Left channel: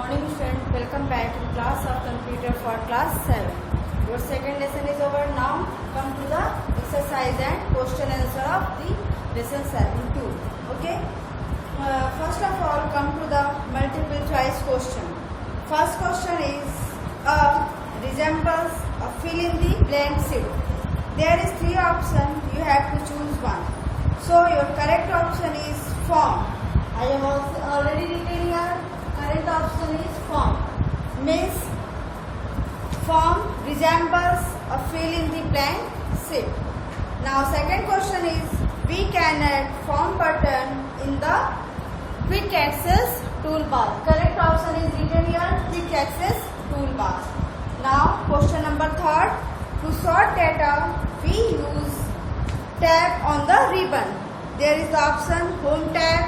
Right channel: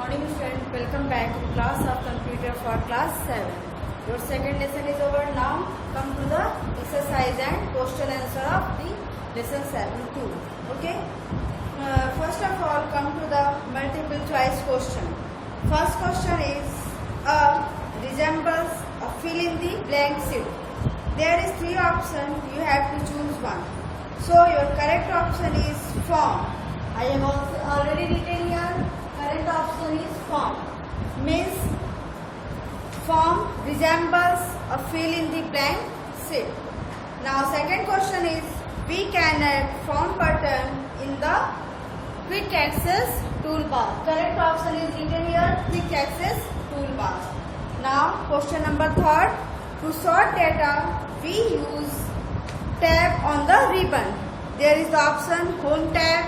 morning friend, welcome back to class of computer for class 7. Your second lesson is over. Now come to the exercise and question answer of the lesson 7 2. Okay. First of all, come to the multiple choice question. First question is resembles a fill in the blank sheet. There is 3 options, you have to choose one. So your correct option is form. I have already written here. Correct option is form. Means form resembles a fill in the blank sheet. Now second question is we can add form button in the quick access toolbar. Correct option is written here, quick access toolbar. Now question number 3. To sort data we use tab on the ribbon. There is the option home tab,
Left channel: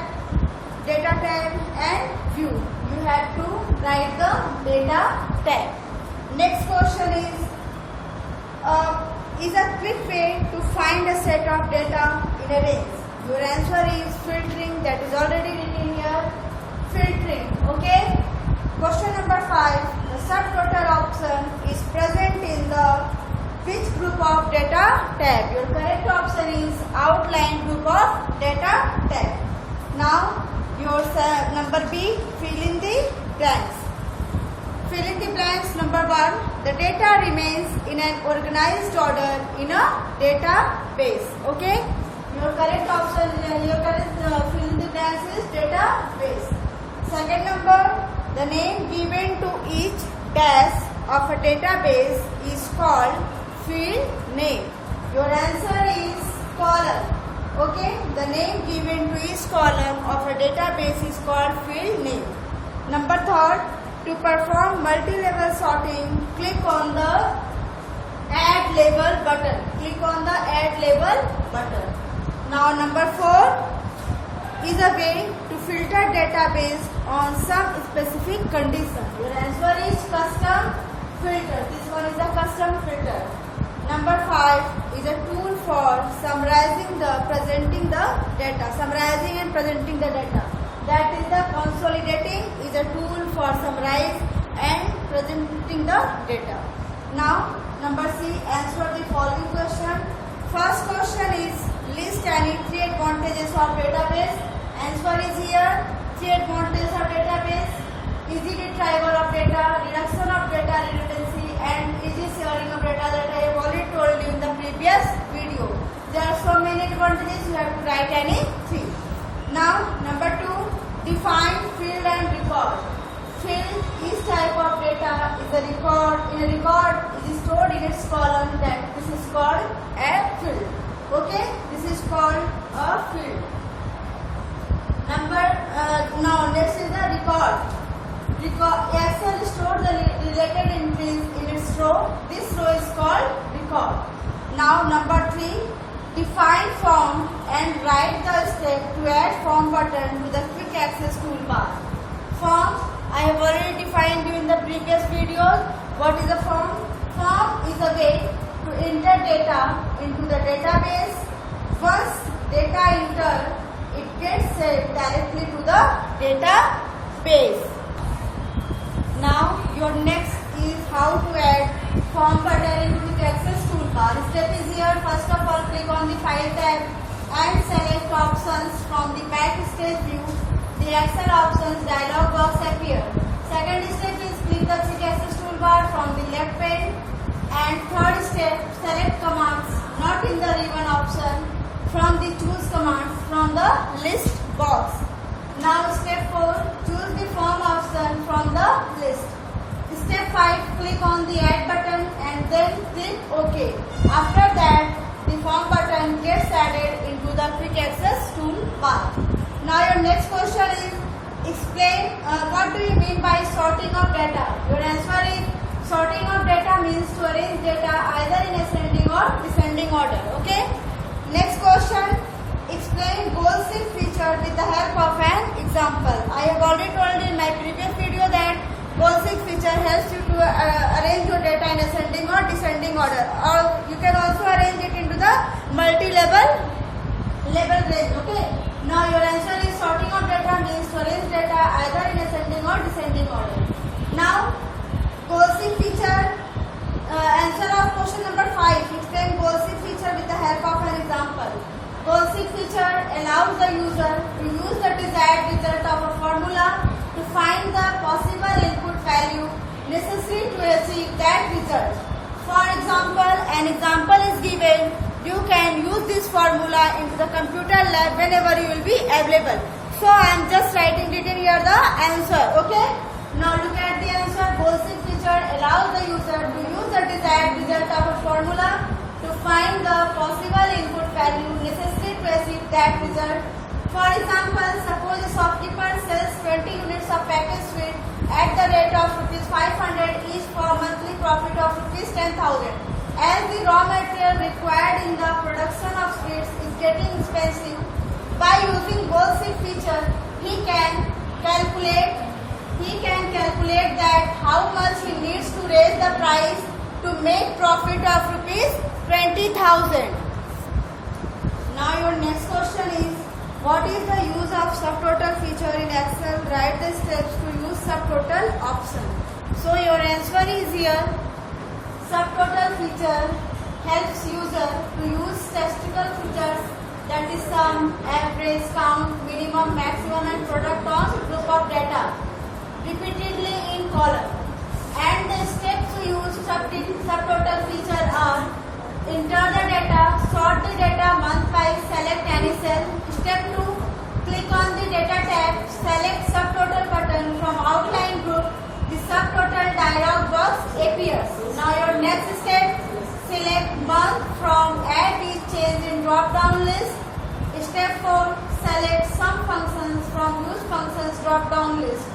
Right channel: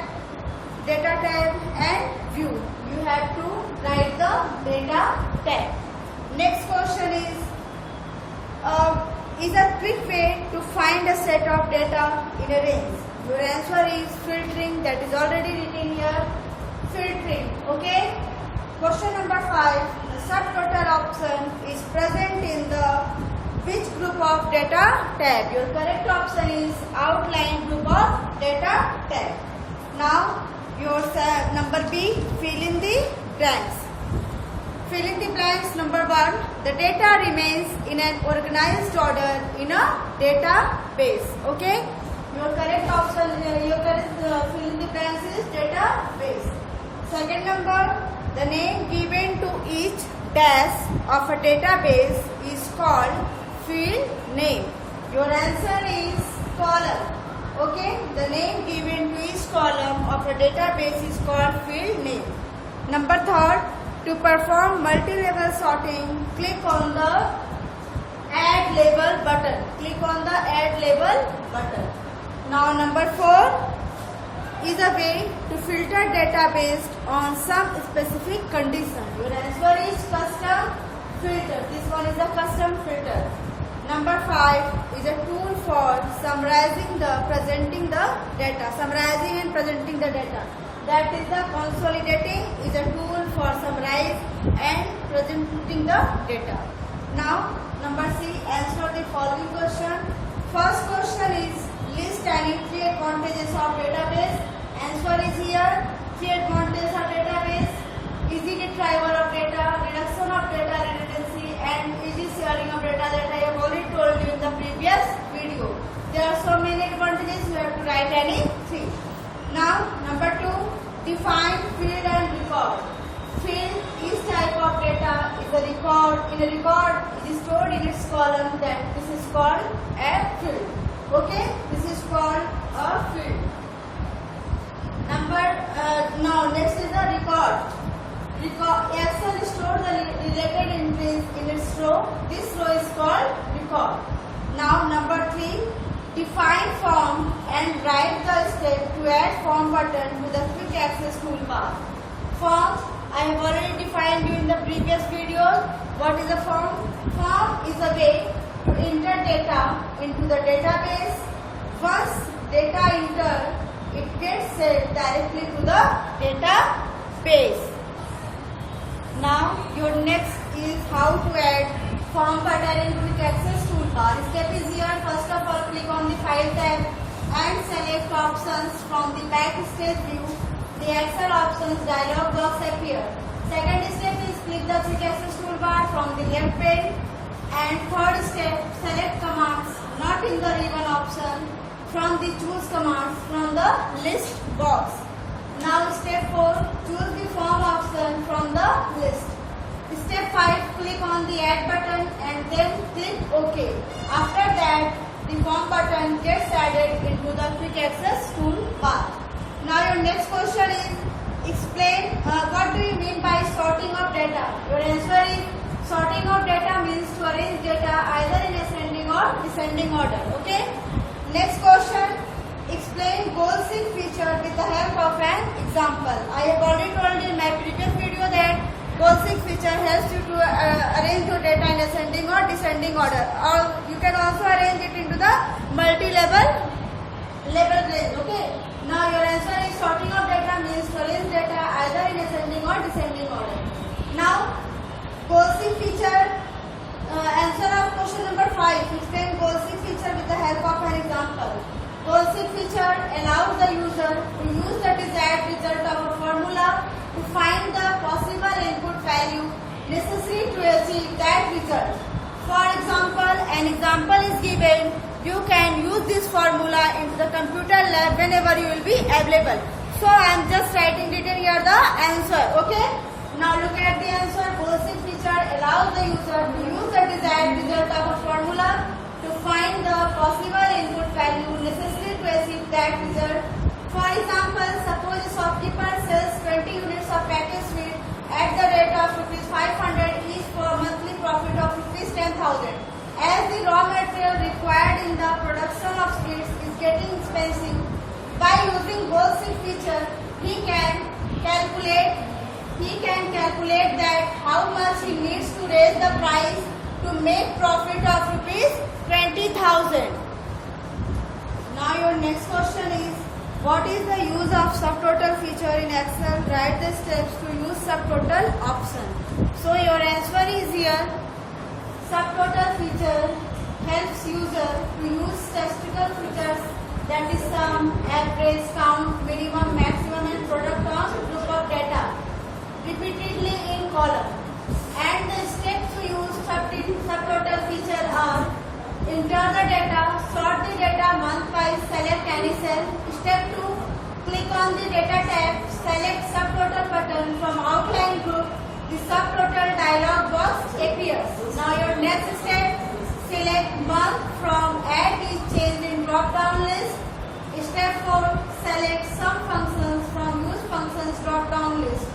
data tab and view. You have to write the data tab. Next question is a quick way to find a set of data in a range. Your answer is filtering, that is already written here, filtering. Okay. Question number 5. The subtotal option is present in the which group of data tab? Your correct option is outline group of data tab. Now your number B, fill in the blanks. Fill in the blanks. Number 1, the data remains in an organized order in a database. Okay. Your correct option, your correct fill in the blanks is database. Second number, the name given to each dash of a database is called field name. Your answer is column. Okay, the name given to each column of a database is called field name. Number 3, to perform multi-level sorting, click on the add label button. Click on the add label button. Now number 4 is a way to filter data based on some specific condition. Your answer is custom filter. This one is a custom filter. Number 5 is a tool for summarizing presenting the data. Summarizing and presenting the data. That is the consolidating is a tool for summarize and presenting the data. Now number C, answer the following question. First question is list any 3 advantages of database. Answer is here. 3 advantages of database: easy retrieval of data, reduction of data redundancy, and easy sharing of data that I have already told you in the previous video. There are so many advantages, you have to write any 3. Now number 2, define field and record. Field, each type of data is a record. In a record, it is stored in its column. That this is called a field. Okay, this is called a field. Now next is the record. Excel stores the related entries in its row. This row is called record. Now number 3, define form and write the step to add form button to the quick access toolbar. Form, I have already defined you in the previous videos. What is a form? Form is a way to enter data into the database. Once data entered, it gets saved directly to the database. Now your next is how to add form button into the access toolbar. Step is here. First of all, click on the file tab and select options from the backstage view. The Excel options dialog box appear. Second step is click the quick access toolbar from the left pane. And third step, select commands not in the ribbon option from the choose commands from the list box. Now step 4, choose the form option from the list. Step 5, click on the add button and then click OK. After that, the form button gets added into the quick access toolbar. Now your next question is explain what do you mean by sorting of data. Your answer is sorting of data means to arrange data either in ascending or descending order. Okay. Next question, explain goal seek feature with the help of an example. I have already told you in my previous video that goal seek feature helps you to arrange your data in ascending or descending order, or you can also arrange it into the multi-level range. Okay. Now your answer is sorting of data means to arrange data either in ascending or descending order. Now, goal-seek feature. Answer of question number 5. Explain goal-seek feature with the help of an example. Goal-seek feature allows the user to use the desired result of a formula to find the possible input value necessary to achieve that result. For example, an example is given. You can use this formula into the computer lab whenever you will be available. So I am just writing written here the answer. Okay. Now look at the answer. Goal-seek feature allows the user to use the desired result of a formula to find the possible input value necessary to achieve that result. For example, suppose a shopkeeper sells 20 units of packaged sweet at the rate of ₹500 each for a monthly profit of ₹10,000. As the raw material required in the production of sweets is getting expensive, by using goal-seek feature, he can calculate that how much he needs to raise the price to make profit of ₹20,000. Now your next question is, what is the use of subtotal feature in Excel? Write the steps to use subtotal option. So your answer is here. Subtotal feature helps user to use statistical features, that is sum, average, count, minimum, maximum and product on group of data repeatedly in column. And the steps to use subtotal feature are: enter the data, sort the data month by select any cell. Step 2, click on the data tab, select subtotal button from outline group. The subtotal dialog box appears. Now your next step, select month from add is change in drop down list. Step 4, select some functions from use functions drop down list.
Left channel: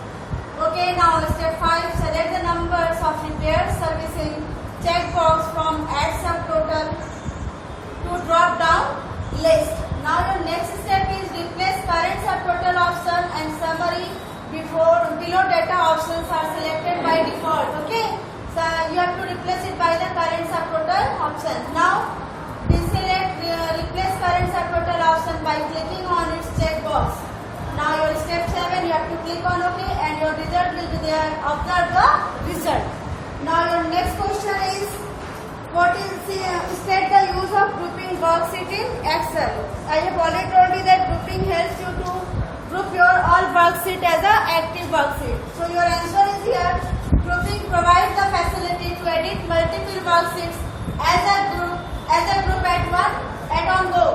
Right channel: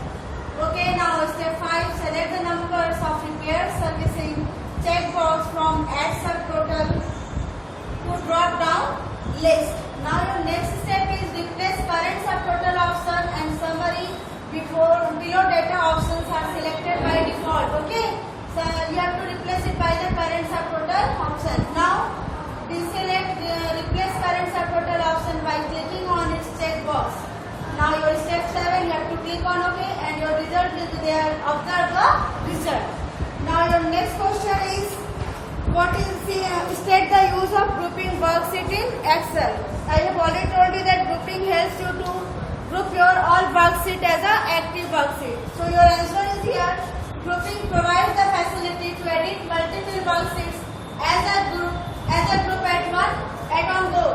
Okay, now step 5, select the numbers of repair servicing checkbox from add subtotal to drop down list. Now your next step is replace current subtotal option and summary below data options are selected by default. Okay, so you have to replace it by the current subtotal option. Now deselect replace current subtotal option by clicking on its checkbox. Now your step 7, you have to click on OK and your result will be there. Observe the result. Now your next question is, what is state the use of grouping worksheet in Excel. I have already told you that grouping helps you to group your all worksheet as a active worksheet. So your answer is here. Grouping provides the facility to edit multiple worksheets as a group at one go.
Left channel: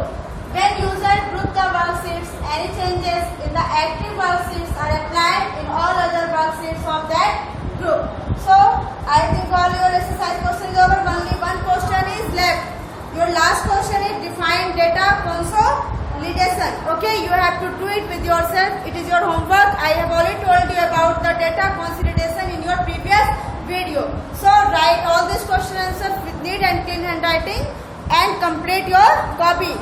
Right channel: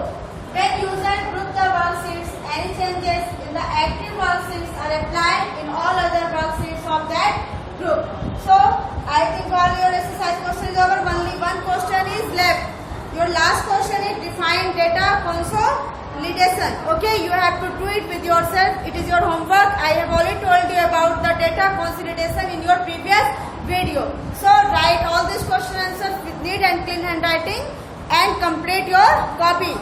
When user group the worksheets, any changes in the active worksheets are applied in all other worksheets of that group. So I think all your exercise questions is over. Only one question is left. Your last question is define data consolidation. Okay, you have to do it with yourself. It is your homework. I have already told you about the data consolidation in your previous video. So write all these question answers with neat and clean handwriting and complete your copy.